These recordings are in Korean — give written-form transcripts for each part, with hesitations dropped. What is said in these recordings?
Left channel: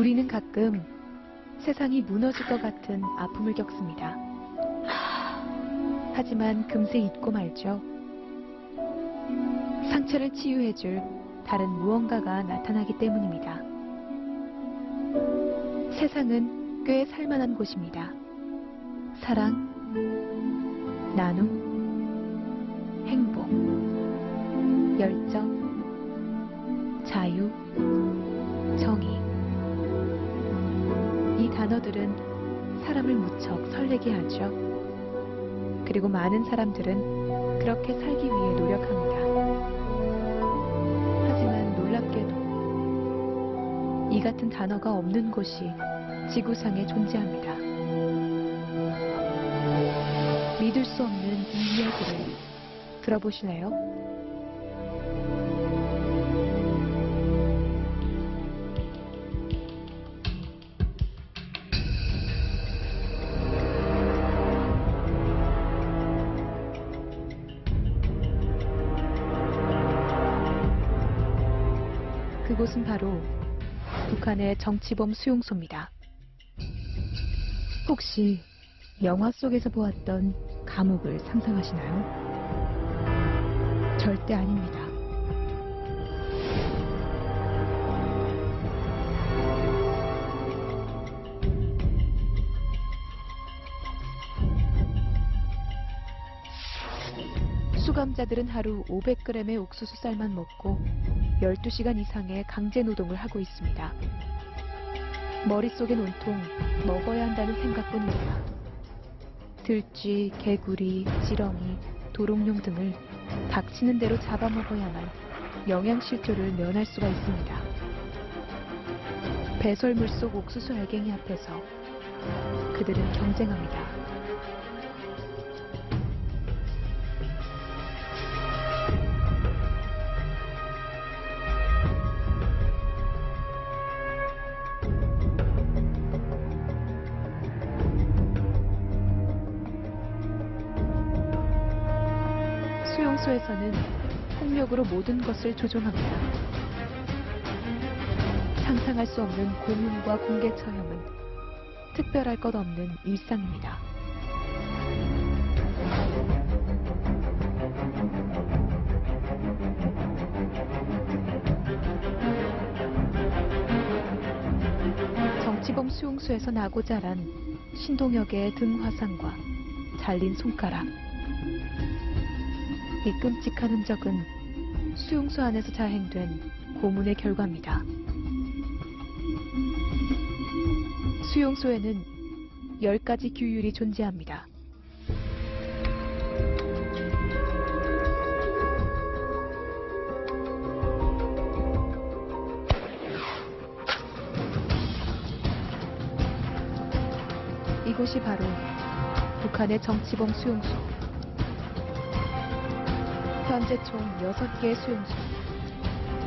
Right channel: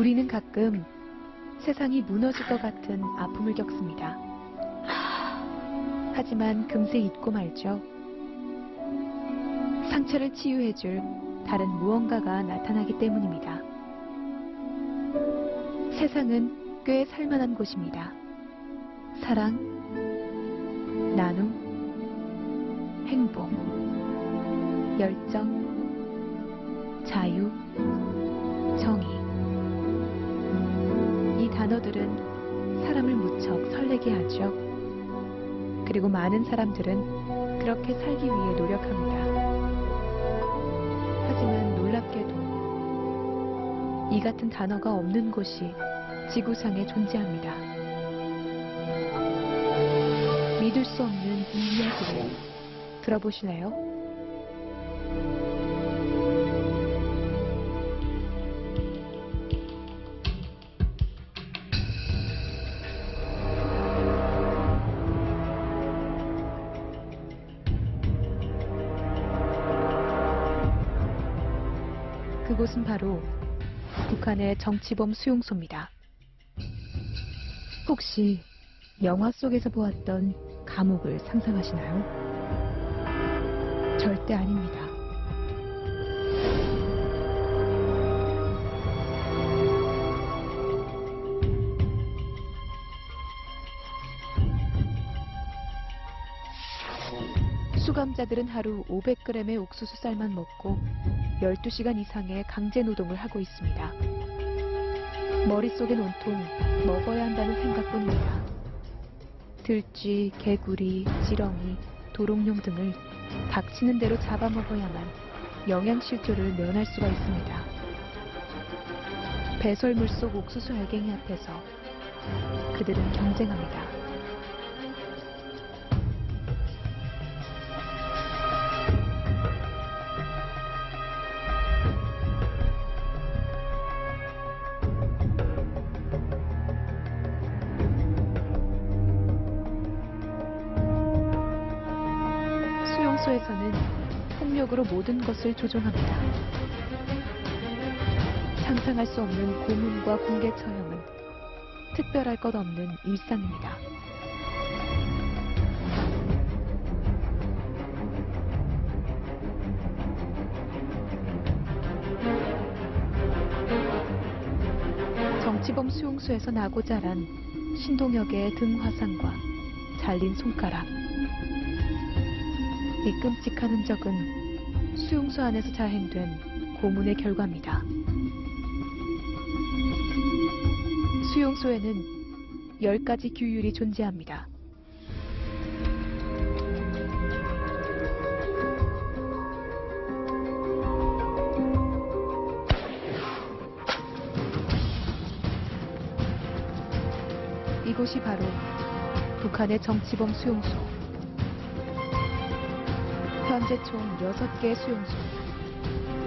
우리는 가끔 세상이 무너질 것 같은 아픔을 겪습니다. 하지만 금세 잊고 말죠. 상처를 치유해줄 다른 무언가가 나타나기 때문입니다. 세상은 꽤 살만한 곳입니다. 사랑, 나눔, 행복, 열정, 자유, 정의. 이 단어들은 사람을 무척 설레게 하죠. 그리고 많은 사람들은 그렇게 살기 위해 노력합니다. 하지만 놀랍게도 이 같은 단어가 없는 곳이 지구상에 존재합니다. 믿을 수 없는 이 이야기를 들어보실래요? 그곳은 바로 북한의 정치범 수용소입니다. 혹시 영화 속에서 보았던 감옥을 상상하시나요? 절대 아닙니다. 수감자들은 하루 500g의 옥수수 쌀만 먹고 12시간 이상의 강제 노동을 하고 있습니다. 머릿속엔 온통 먹어야 한다는 생각뿐입니다. 들쥐, 개구리, 지렁이, 도롱뇽 등을 닥치는 대로 잡아먹어야만 영양실조를 면할 수가 있습니다. 배설물 속 옥수수 알갱이 앞에서 그들은 경쟁합니다. 수용소에서는 폭력으로 모든 것을 조종합니다. 상상할 수 없는 고문과 공개 처형은 특별할 것 없는 일상입니다. 정치범 수용소에서 나고 자란 신동혁의 등 화상과 잘린 손가락. 이 끔찍한 흔적은 수용소 안에서 자행된 고문의 결과입니다. 수용소에는 10가지 규율이 존재합니다. 이곳이 바로 북한의 정치범 수용소. 현재 총 6개의 수용소,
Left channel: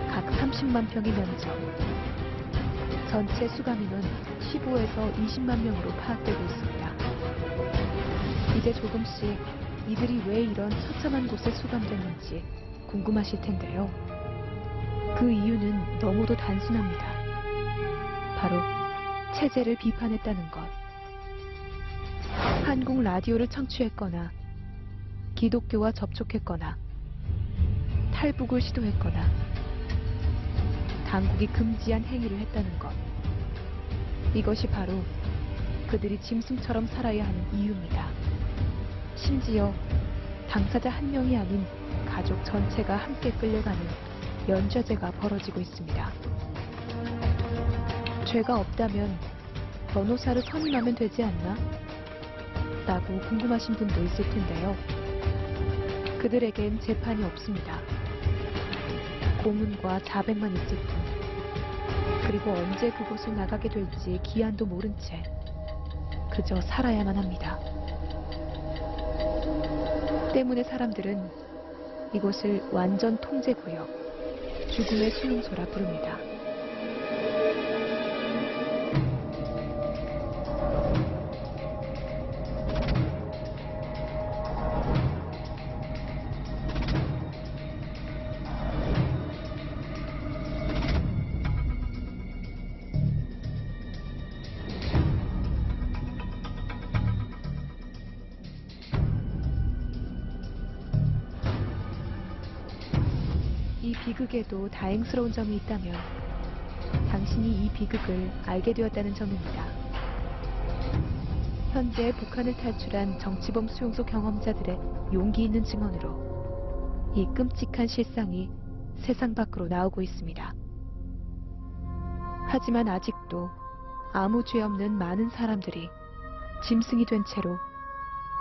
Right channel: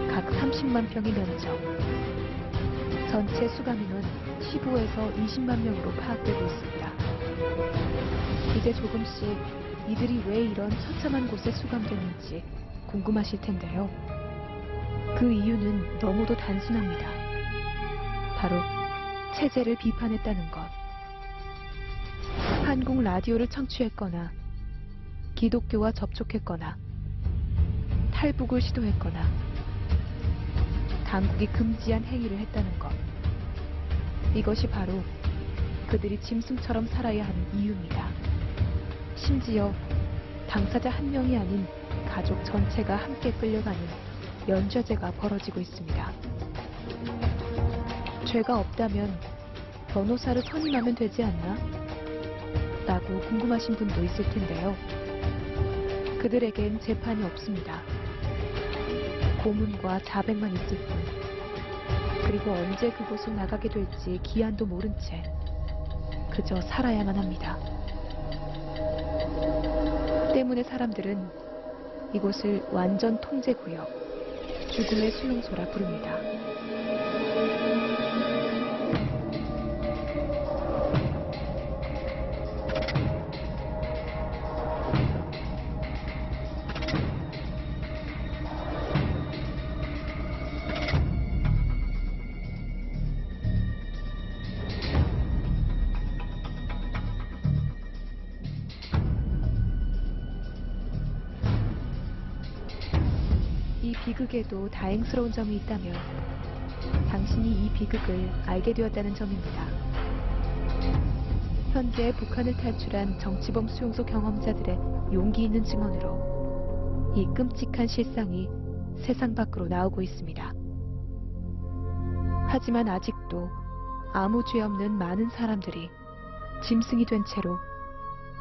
각 30만 평의 면적, 전체 수감 인원 15에서 20만 명으로 파악되고 있습니다. 이제 조금씩 이들이 왜 이런 처참한 곳에 수감됐는지 궁금하실 텐데요. 그 이유는 너무도 단순합니다. 바로 체제를 비판했다는 것. 한국 라디오를 청취했거나 기독교와 접촉했거나 탈북을 시도했거나 당국이 금지한 행위를 했다는 것. 이것이 바로 그들이 짐승처럼 살아야 하는 이유입니다. 심지어 당사자 한 명이 아닌 가족 전체가 함께 끌려가는 연좌제가 벌어지고 있습니다. 죄가 없다면 변호사를 선임하면 되지 않나? 라고 궁금하신 분도 있을 텐데요. 그들에겐 재판이 없습니다. 고문과 자백만 있을 뿐. 그리고 언제 그곳을 나가게 될지 기한도 모른 채 그저 살아야만 합니다. 때문에 사람들은 이곳을 완전 통제구역, 죽음의 수용소라 부릅니다. 이 비극에도 다행스러운 점이 있다면 당신이 이 비극을 알게 되었다는 점입니다. 현재 북한을 탈출한 정치범 수용소 경험자들의 용기 있는 증언으로 이 끔찍한 실상이 세상 밖으로 나오고 있습니다. 하지만 아직도 아무 죄 없는 많은 사람들이 짐승이 된 채로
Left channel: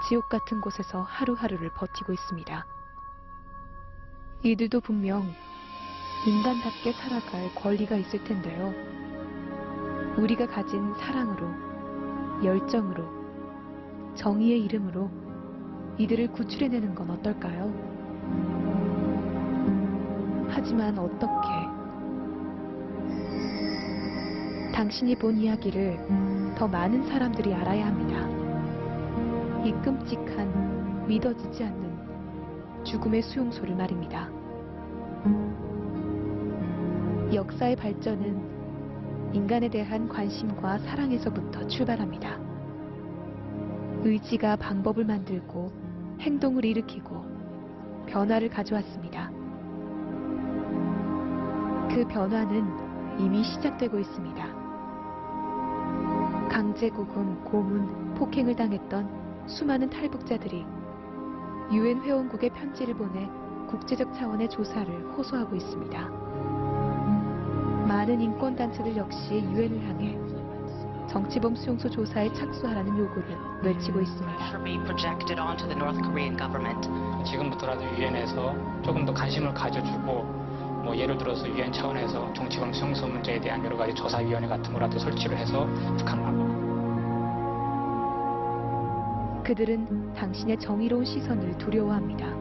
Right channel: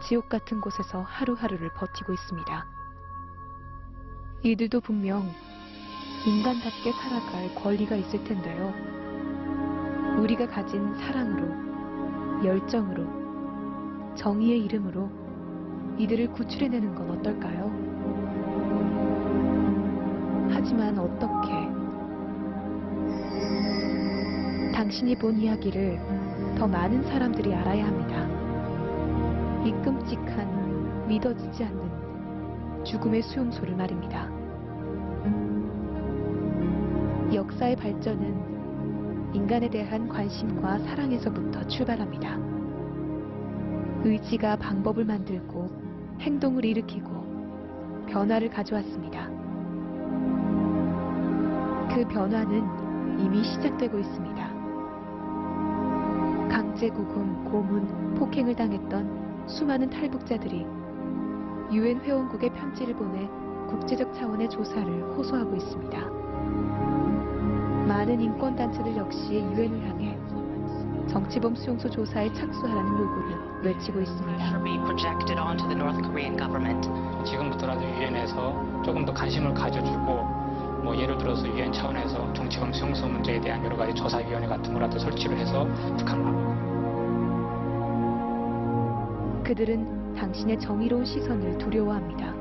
지옥 같은 곳에서 하루하루를 버티고 있습니다. 이들도 분명 인간답게 살아갈 권리가 있을 텐데요. 우리가 가진 사랑으로, 열정으로, 정의의 이름으로 이들을 구출해내는 건 어떨까요? 하지만 어떻게? 당신이 본 이야기를 더 많은 사람들이 알아야 합니다. 이 끔찍한, 믿어지지 않는 죽음의 수용소를 말입니다. 역사의 발전은 인간에 대한 관심과 사랑에서부터 출발합니다. 의지가 방법을 만들고 행동을 일으키고 변화를 가져왔습니다. 그 변화는 이미 시작되고 있습니다. 강제구금, 고문, 폭행을 당했던 수많은 탈북자들이 유엔 회원국에 편지를 보내 국제적 차원의 조사를 호소하고 있습니다. 많은 인권단체들 역시 유엔을 향해 정치범 수용소 조사에 착수하라는 요구를 외치고 있습니다. 지금부터라도 유엔에서 조금 더 관심을 가져주고 예를 들어서 유엔 차원에서 정치범 수용소 문제에 대한 여러 가지 조사위원회 같은 거라도 설치를 해서 북한 그들은 당신의 정의로운 시선을 두려워합니다.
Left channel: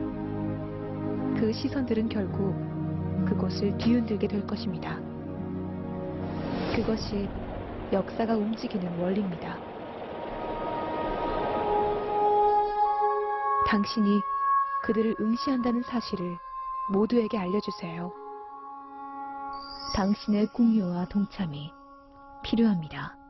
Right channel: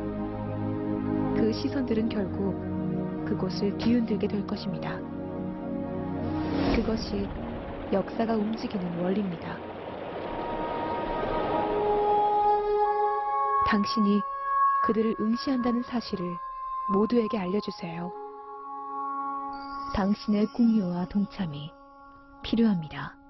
그 시선들은 결국 그곳을 뒤흔들게 될 것입니다. 그것이 역사가 움직이는 원리입니다. 당신이 그들을 응시한다는 사실을 모두에게 알려주세요. 당신의 공유와 동참이 필요합니다.